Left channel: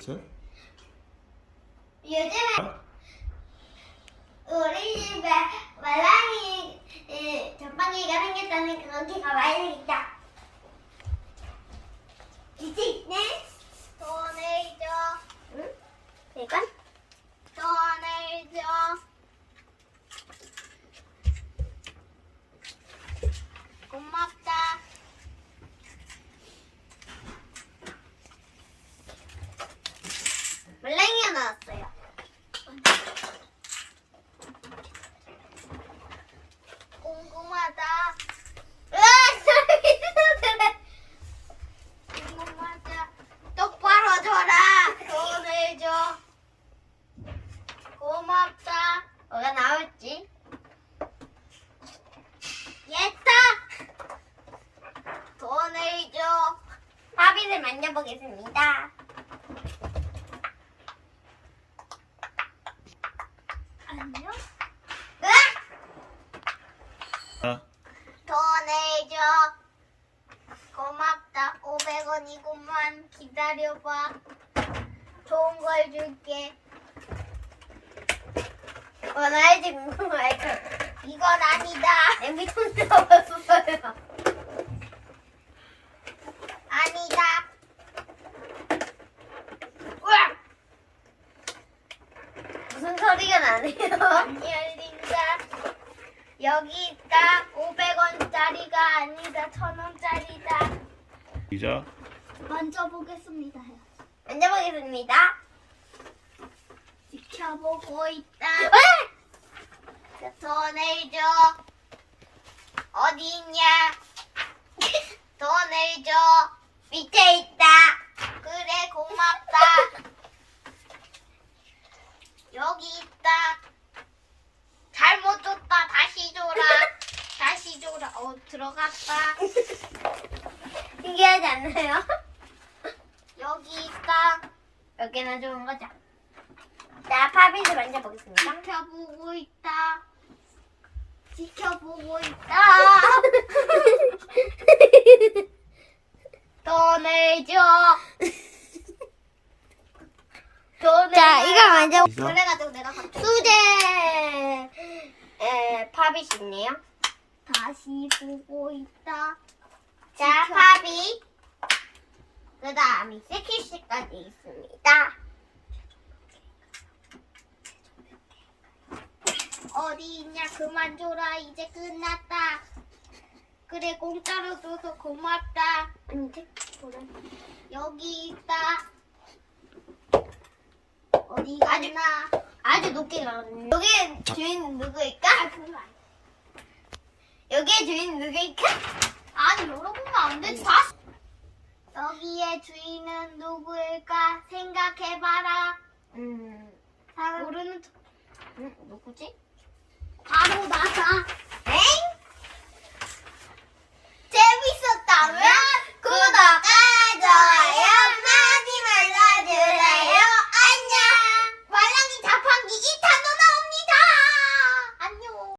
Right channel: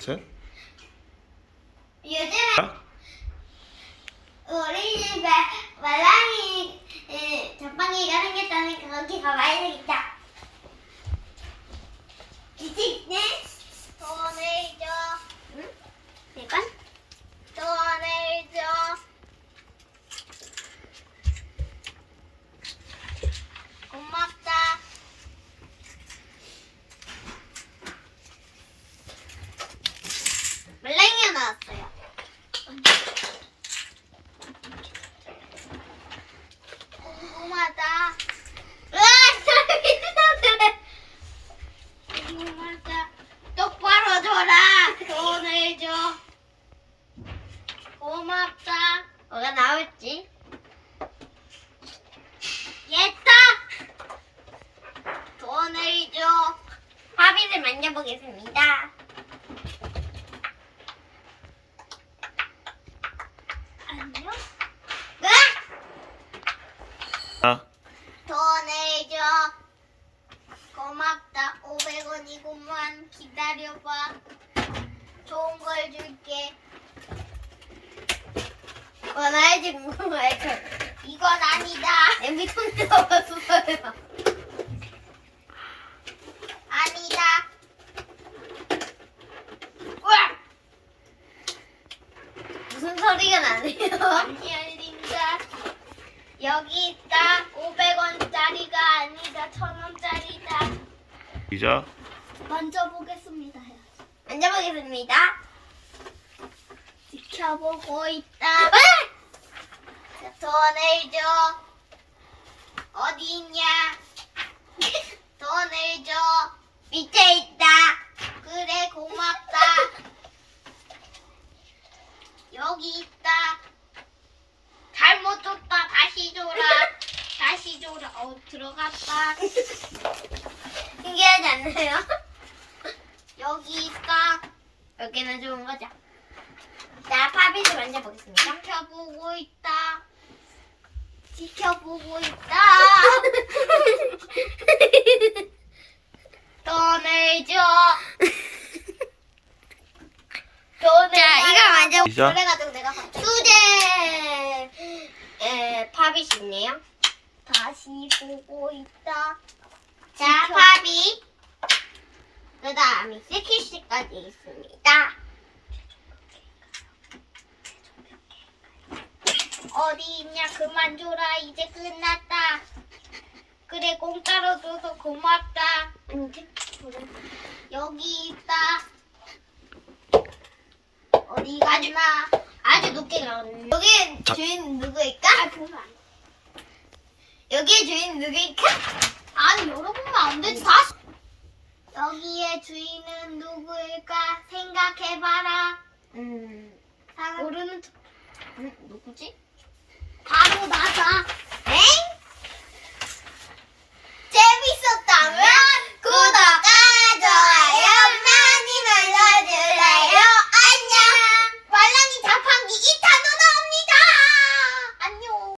셋. 요즘에 자, 우리 집에 말랑이 에, 자빵이가 생겼다는 거기 가봐야 되겠다. 이제 돈을 줘. 응? 이건? 돈을 줘. 고맙다. 말랑이가 나왔어요. 궁금하다. 궁금하다. 똑바로 줘라. 돈을 줘. 고맙다. 뭐가 나올지? 예다. 돈을 줘. 바비를 만져보겠습니다. 안녕. 으악! 아, 돈을 줘. 고맙다. 500원이구만. 기다려봐. 좋은 걸 줄게. 어, 나의 궁금해. 이건 아니다. 냄비통 들어봤어요. 아니다. 으악! 무슨 소리가 나네요? 안 열린다. 여기 있다. 500원짜리가 아니다. 1000원짜리다. 이자. 만져보겠습니다. 만져보겠습니다. 지켜보고 있다. 돈을 줘. 어디 있냐? 돈을 줘. 밑에 있다. 그래, 고맙다. 여기 있다. 잘못 줬다. 다시 줘라. 다시 줘라. 어, 들어갔다. 신기하지 않나요? 여기 있다. 몇 개나 좋은 거죠? 자, 파비를 만져보겠습니다. 지켜보고 있다. 지켜보고 있다. 돈을 줘. 돈을 자, 이거 만져- 이자. 그래가지고 내가 수제 에 팝이 있네요. 다시 보고 있다. 자, 팝이. 그 다음에 세키씨까지 있습니다. 어디 있냐? 그만 줘라. 이제 끝났다. 그래, 공짜로 줘서 고맙다. 여기 있다. 어디 갔나? 아주 높게 가거든요. 여기 자. 주인 누구일까? 여기에 주인 누구일까? 아니, 열어보면 안 되지. 다시. 여기에 주인은 누구일까? 생각해봐라. 음, 모르는 척. 음, 누구지? 바로 나다.